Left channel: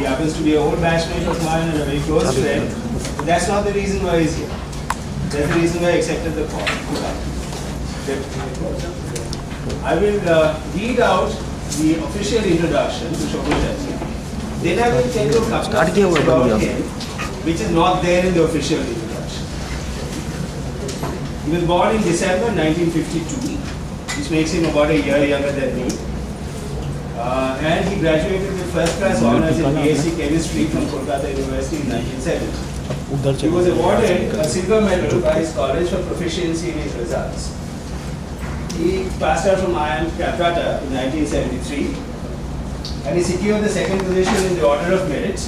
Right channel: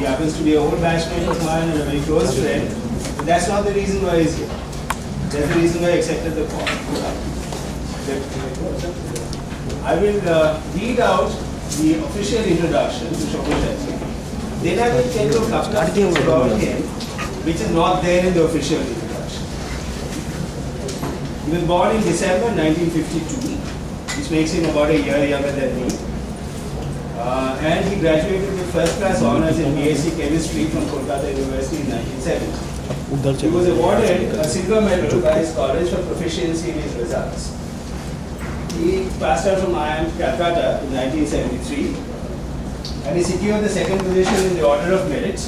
He happens to be an old batchmate of mine and a very close friend. But that's not the reason why he's here. That's the reason why I accepted the call. I will read out the official introduction to Shobhu Shetty. Then I will tell you a couple of things about him, which is not there in the official introduction. He was born in December 1952, which makes him about a year younger than me. And he graduated with first class honors in BSc Chemistry from Kolkata University in 1970. He was awarded a silver medal by his college for proficiency in his results. He passed out from IIM Calcutta in 1973 and he secured the second position in the Order of Merit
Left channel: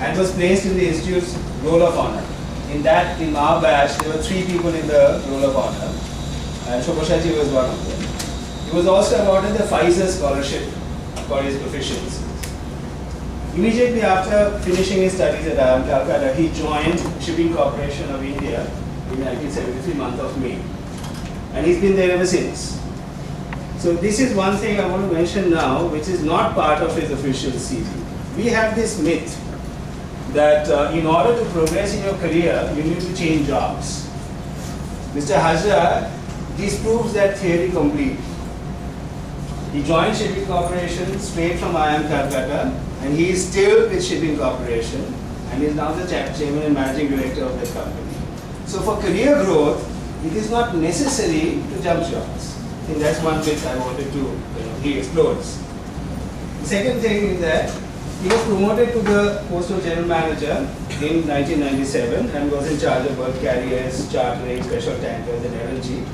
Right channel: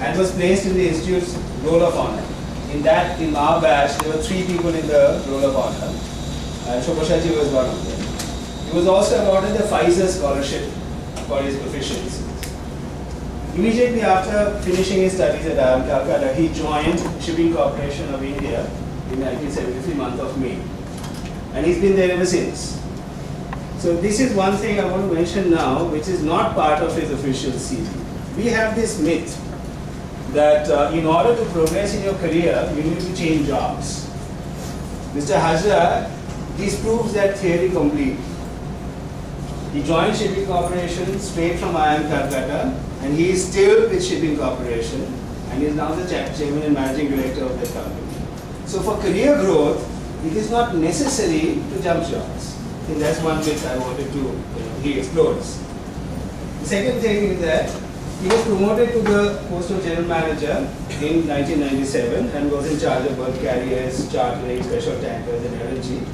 and was placed in the Institute's Roll of Honor. In our batch, there were 3 people in the Roll of Honor and Shobhu Shetty was one of them. He was also awarded the Pfizer Scholarship for his proficiency. Immediately after finishing his studies at IIM Calcutta, he joined Shipping Corporation of India in 1973, month of May. And he's been there ever since. So this is one thing I want to mention now, which is not part of his official CV. We have this myth that in order to progress in your career, you need to change jobs. Mr. Hajra disproves that theory completely. He joined Shipping Corporation straight from IIM Calcutta, and he is still with Shipping Corporation, and is now the chairman and managing director of that company. So for career growth, it is not necessary to jump jobs. I think that's one bit I wanted to, he explores. The second thing is that he was promoted to the post of general manager in 1997 and was in charge of bulk carriers, chartering, special tankers, and LNG.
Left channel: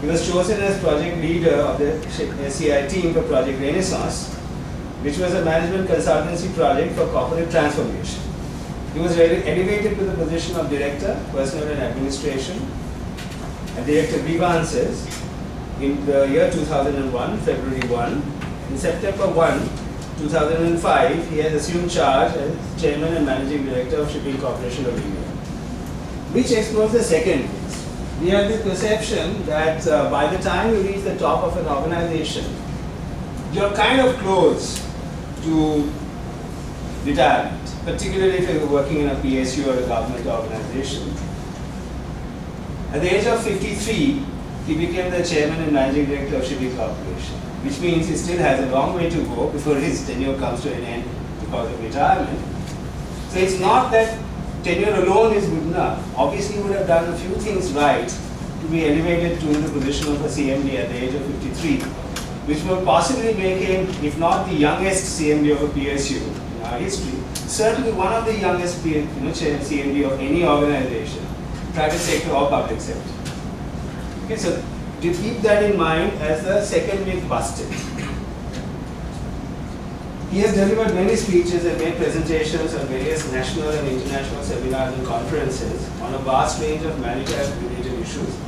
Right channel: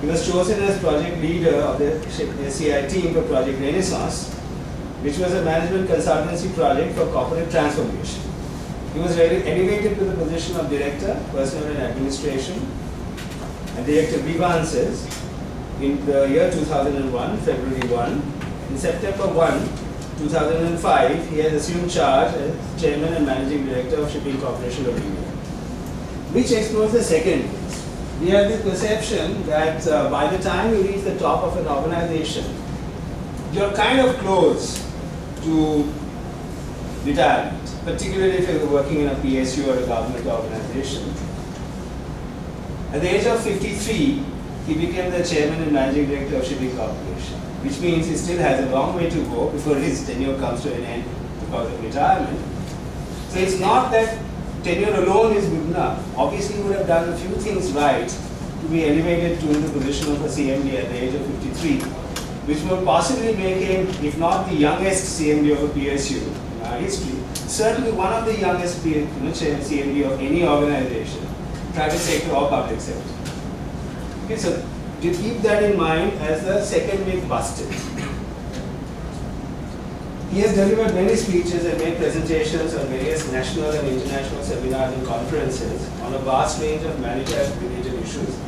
He was chosen as project leader of the SCI team for Project Renaissance, which was a management consultancy project for corporate transformation. He was elevated to the position of Director, Personnel and Administration, and Director Grievances in the year 2001, February 1. In September 1, 2005, he has assumed charge as Chairman and Managing Director of Shipping Corporation of India, which explores the second case. We have the perception that by the time you reach the top of an organization, you're kind of close to retirement, particularly if you're working in a PSU or a government organization. At the age of 53, he became the Chairman and Managing Director of Shipping Corporation, which means he still has a long way to go before his tenure comes to an end because of retirement. So it's not that tenure alone is good enough. Obviously, he would have done a few things right to be elevated to the position of a CMD at the age of 53, which will possibly make him, if not the youngest CMD of a PSU in our history, certainly one of the youngest CMD of any organization, private sector or public sector. Okay, so to keep that in mind as the second myth busted. He has delivered many speeches and made presentations on various national and international seminars and conferences on a vast range of maritime-related issues.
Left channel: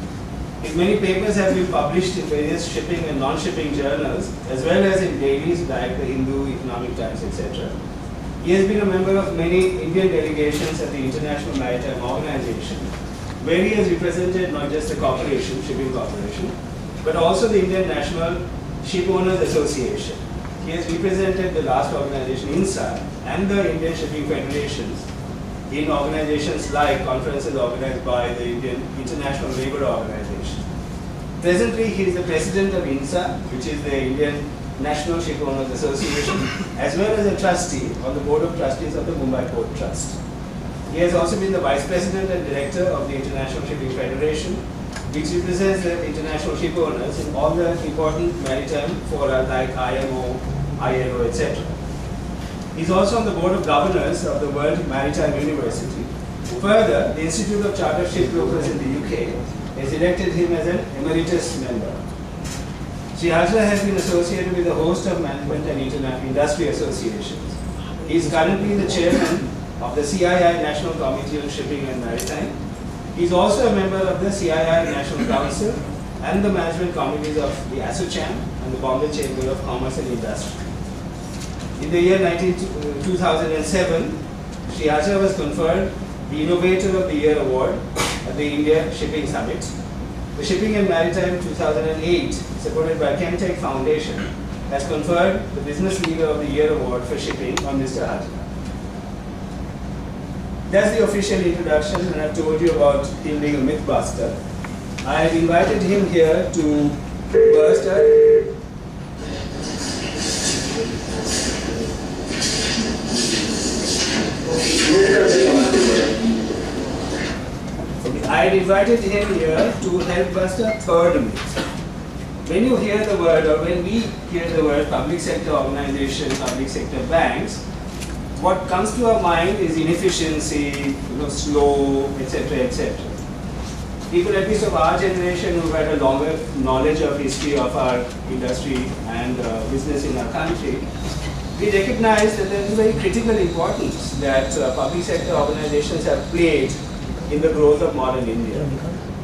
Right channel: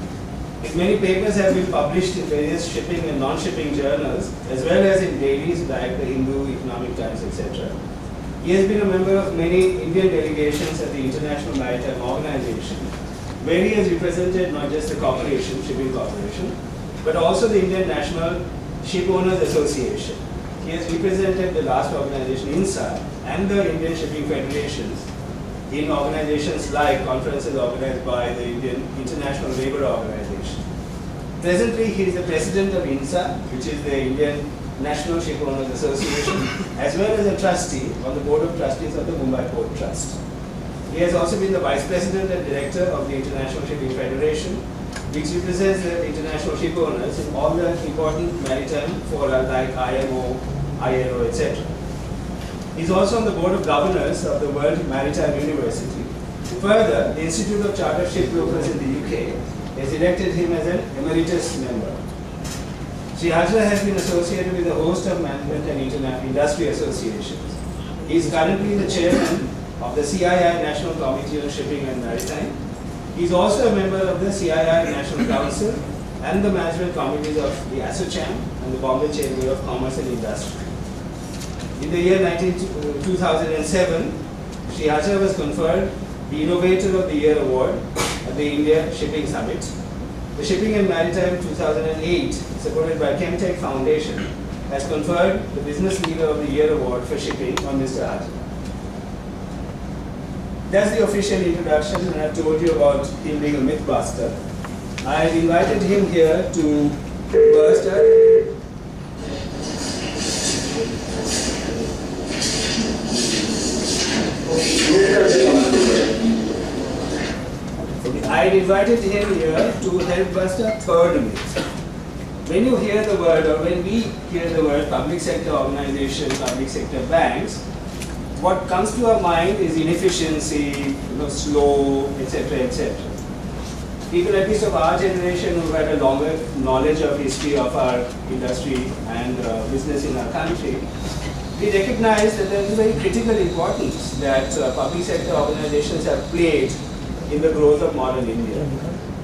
His many papers have been published in various shipping and non-shipping journals, as well as in dailies like the Hindu, Economic Times, etc. He has been a member of many Indian delegations at the International Maritime Organization, where he has represented not just the corporation, Shipping Corporation, but also the Indian National Ship Owners Association. He has represented the last organization, INSA, and the Indian Shipping Federations in organizations like conferences organized by the Indian International Labour Organization. Presently, he is the president of INSA, which is the Indian National Ship Owners Association, as well as a trustee on the board of trustees of the Mumbai Port Trust. He has also been the vice president and director of the International Shipping Federation, which represents the international ship owners in all the important maritime fora like IMO, ILO, etc. He is also on the board of governors of the World Maritime University. Further, the Institute of Chartered Shipbrokers in the UK has elected him as an emeritus member. Sri Hajra has been associated with a host of management and industry associations. He is currently the chairman of the CII National Committee on Shipping and Maritime. He is also a member of the CII National Council and the management committees of the ASSOCHAM and the Bombay Chamber of Commerce and Industry. In the year 2007, Sri Hajra was conferred the Innovator of the Year Award at the India Shipping Summit. The Shipping and Maritime 2008, supported by Chemtech Foundation, has conferred the Business Leader of the Year award for shipping on Mr. Hajar. That's the official introduction, and I've told you about him being a mythbuster. I've invited him here to burst I invited him here to help bust a third myth. When you hear the word, or when we hear the word public sector organization, public sector banks, what comes to our mind is inefficiency, slow, etc., etc. People at least of our generation who had a longer knowledge of history of our industry and business in our country, we recognize that there is a very critical importance that public sector organizations have played in the growth of modern India,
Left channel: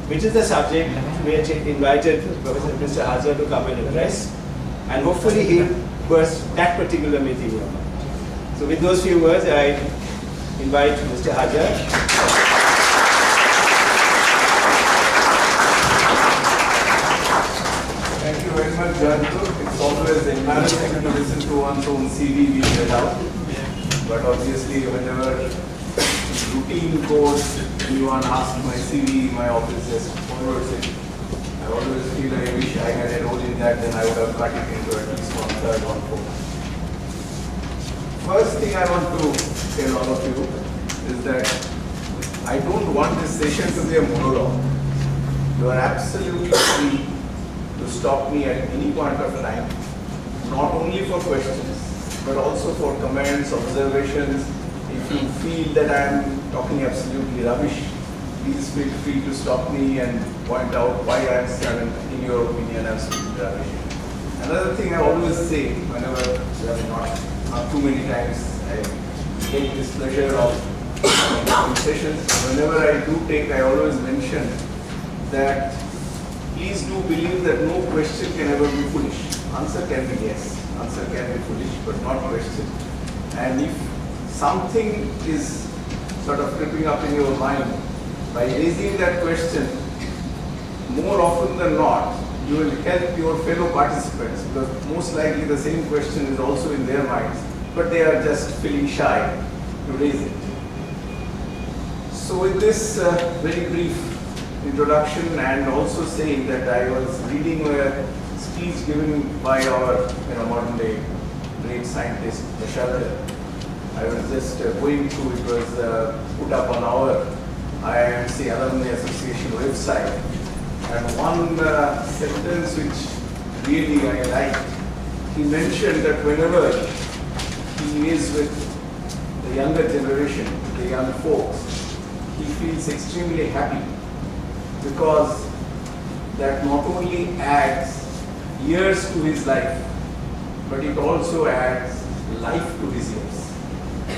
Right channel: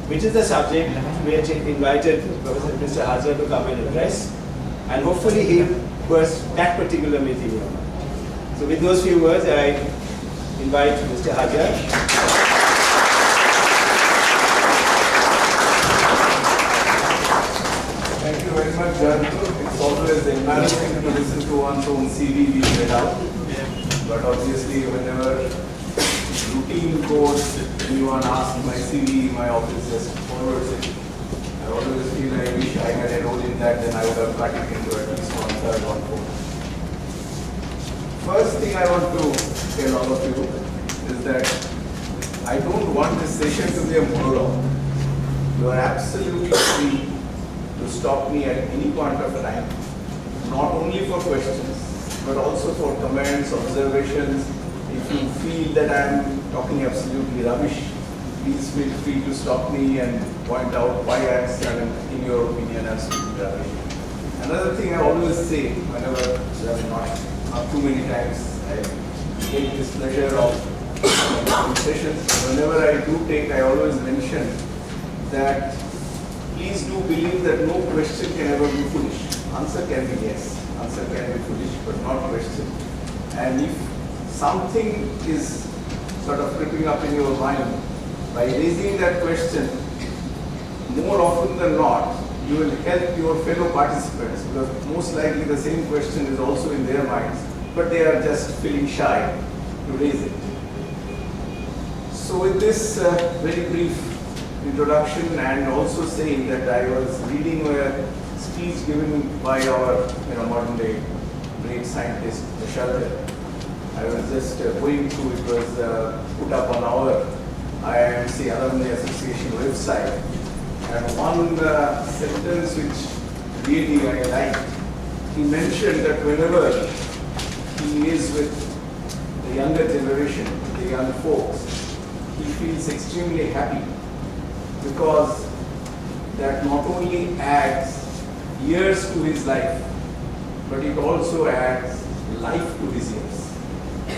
which is the subject which invited Professor Mr. Hajar to come and address, and hopefully he'll burst that particular myth in your mind. So with those few words, I invite Mr. Hajar. Thank you very much, Jantu. It's always embarrassing to listen to one's own CV being read out. But obviously, whenever routine course, anyone asks my CV, my office just forwards it. I always feel I wish I had a role in that, then I would have cut it into at least 1/3, 1/4. First thing I want to tell all of you is that I don't want this session to be a monologue. You are absolutely free to stop me at any point of time, not only for questions, but also for comments, observations. If you feel that I am talking absolutely rubbish, please feel free to stop me and point out why I am, in your opinion, absolutely rubbish. Another thing I always say, whenever you have not too many times, I take this pleasure of sessions. Whenever I do take, I always mention that please do believe that no question can ever be foolish. Answer can be yes. Answer can be foolish, but not question. And if something is sort of creeping up in your mind, by raising that question, more often than not, you will help your fellow participants, because most likely the same question is also in their minds, but they are just feeling shy to raise it. So with this very brief introduction, and also saying that I was reading a speech given by our modern day great scientist, Nisharda. I was just going through, it was put up on our IIMC Alumni Association website. And one sentence which really I liked, he mentioned that whenever he is with the younger generation, the young folks, he feels extremely happy, because that not only adds years to his life, but it also adds life to his years.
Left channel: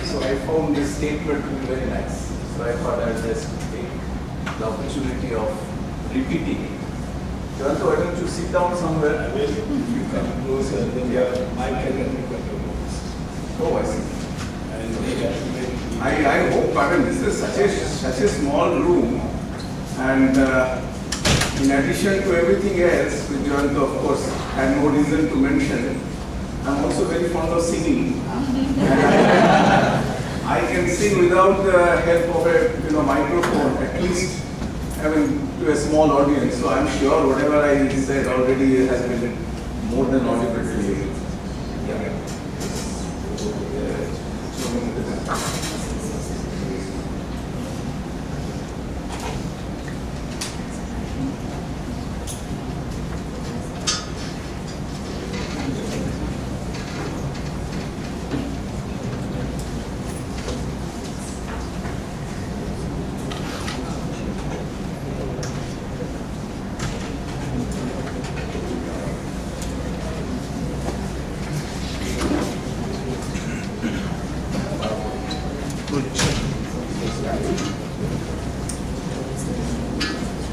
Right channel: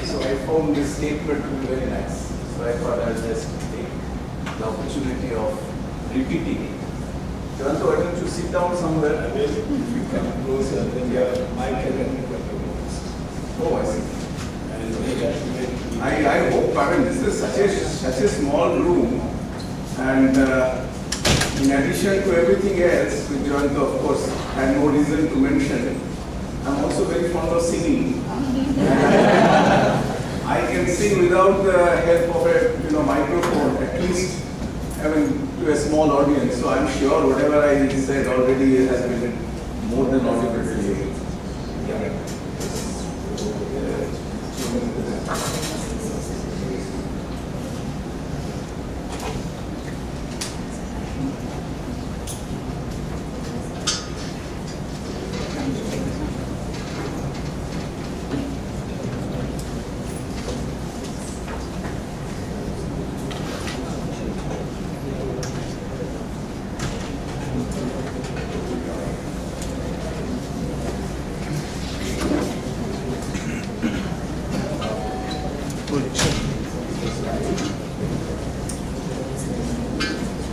So I found this statement to be very nice. So I thought I'll just take the opportunity of repeating it. Jantu, why don't you sit down somewhere? I will. If you come closer, then your mic can pick up your voice. Oh, I see. And I hope, I mean, this is such a small room, and in addition to everything else, which Jantu, of course, had no reason to mention, I'm also very fond of singing. I can sing without the help of a microphone, at least to a small audience. So I'm sure whatever I said already has been more than audible to you.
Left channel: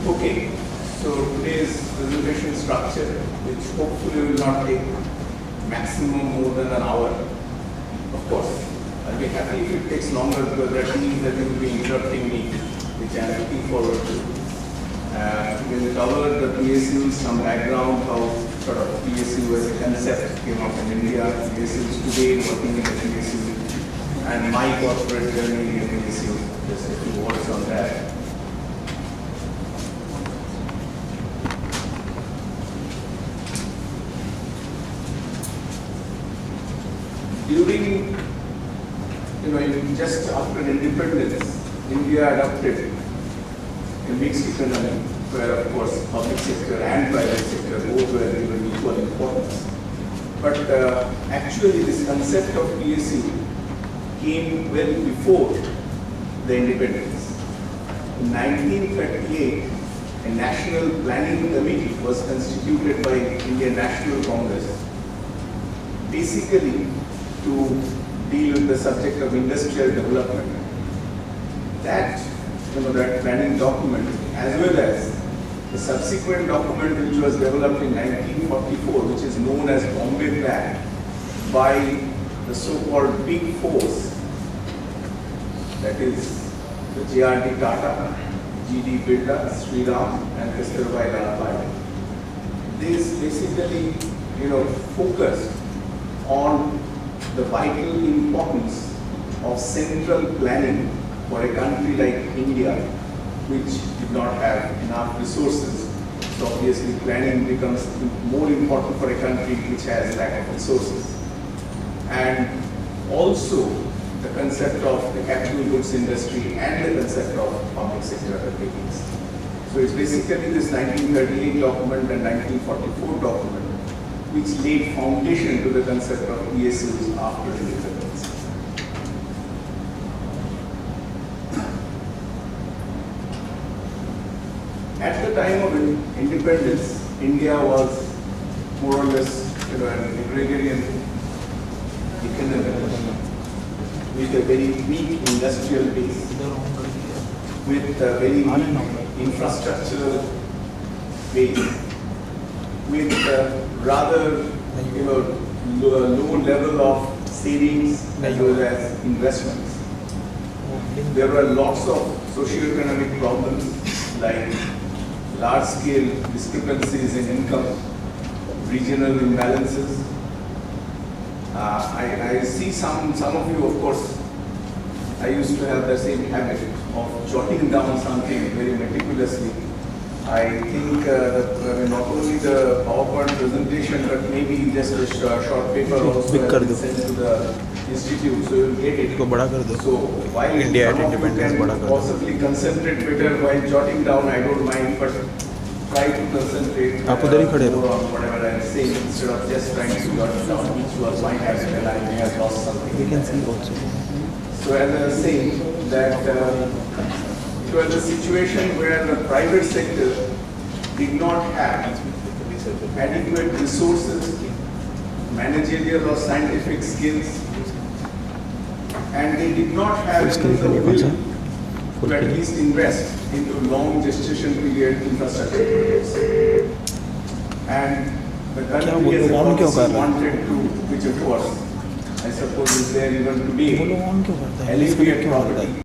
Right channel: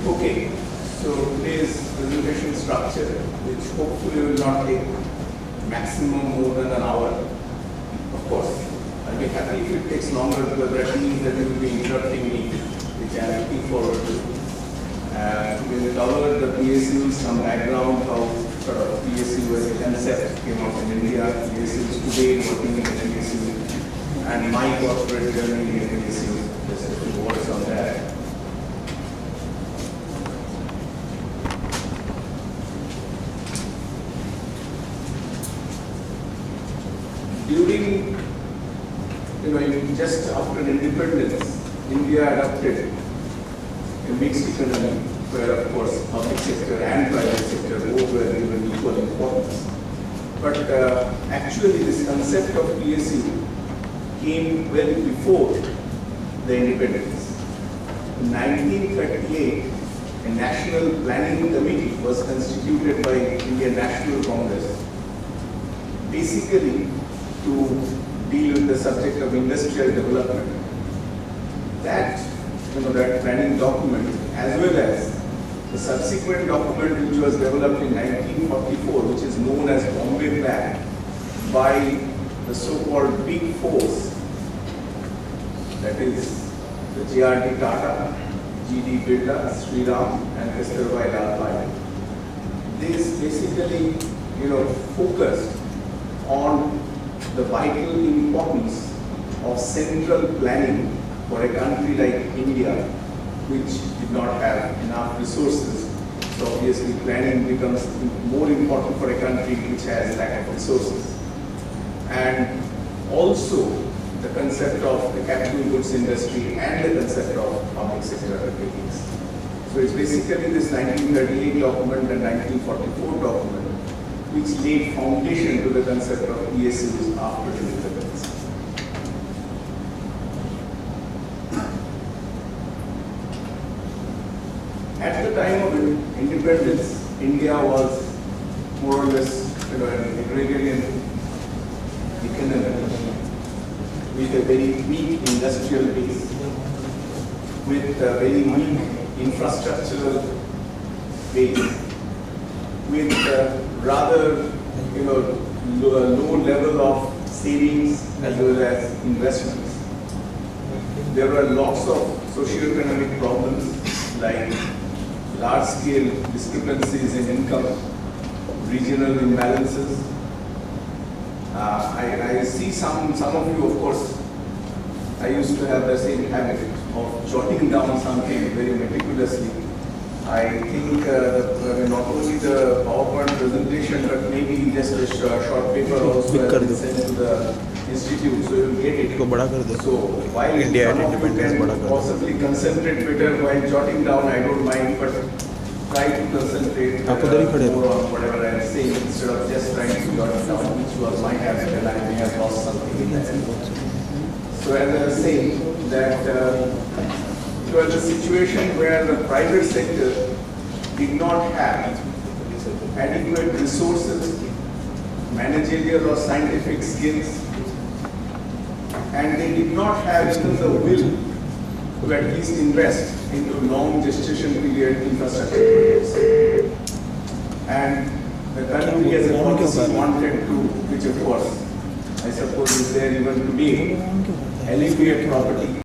Okay, so today's presentation structure, which hopefully will not take maximum more than an hour. Of course, I'll be happy if it takes longer, because that means that you will be interrupting me, which I'm looking forward to. We will cover the PSUs, some background, how sort of PSU as a concept came up in India. PSU is today working in PSU, and my corporate journey in PSU. Just a few words on that. During, just after independence, India adopted a mixed economy where, of course, public sector and private sector both were given equal importance. But actually, this concept of PSU came well before the independence. In 1938, a national planning committee was constituted by Indian National Congress, basically to deal with the subject of industrial development. That planning document, as well as the subsequent document which was developed in 1944, which is known as Bombay Plan, by the so-called Big Fours, that is the J.R.D. Tata, G.D. Birla, Sri Ram, and Kasturbai Lal Payal. This basically, focused on the vital importance of central planning for a country like India, which did not have enough resources. So obviously planning becomes more important for a country which has lack of resources. And also the concept of the capital goods industry and the concept of public sector undertakings. So it's basically this 1938 document and 1944 document which laid foundation to the concept of PSUs after the independence. At the time of independence, India was more or less, an agrarian economy with a very weak industrial base, with a very weak infrastructural base, with rather low level of savings as well as investments. There were lots of socio-economic problems like large-scale discrepancies in income, regional imbalances. I see some of you, of course, I used to have the same habit of jotting down something very meticulously. I think not only the PowerPoint presentation, but maybe just a short paper also has been sent to the institute, so you'll get it. So while India some at of you independence can बड़ा कर दो. possibly concentrate better while jotting down, I don't mind, but try to concentrate आप उधर ही खड़े रहो. more on whatever I'm saying instead of just trying to jot it down, which was my habit and I may have lost something. So as I was saying that it was a situation where the private sector did not have adequate resources, managerial or scientific skills, and they did not have even the will to at least invest into long gestation period infrastructure projects. And the country as a policy wanted to, which of course I suppose is there even today, alleviate poverty.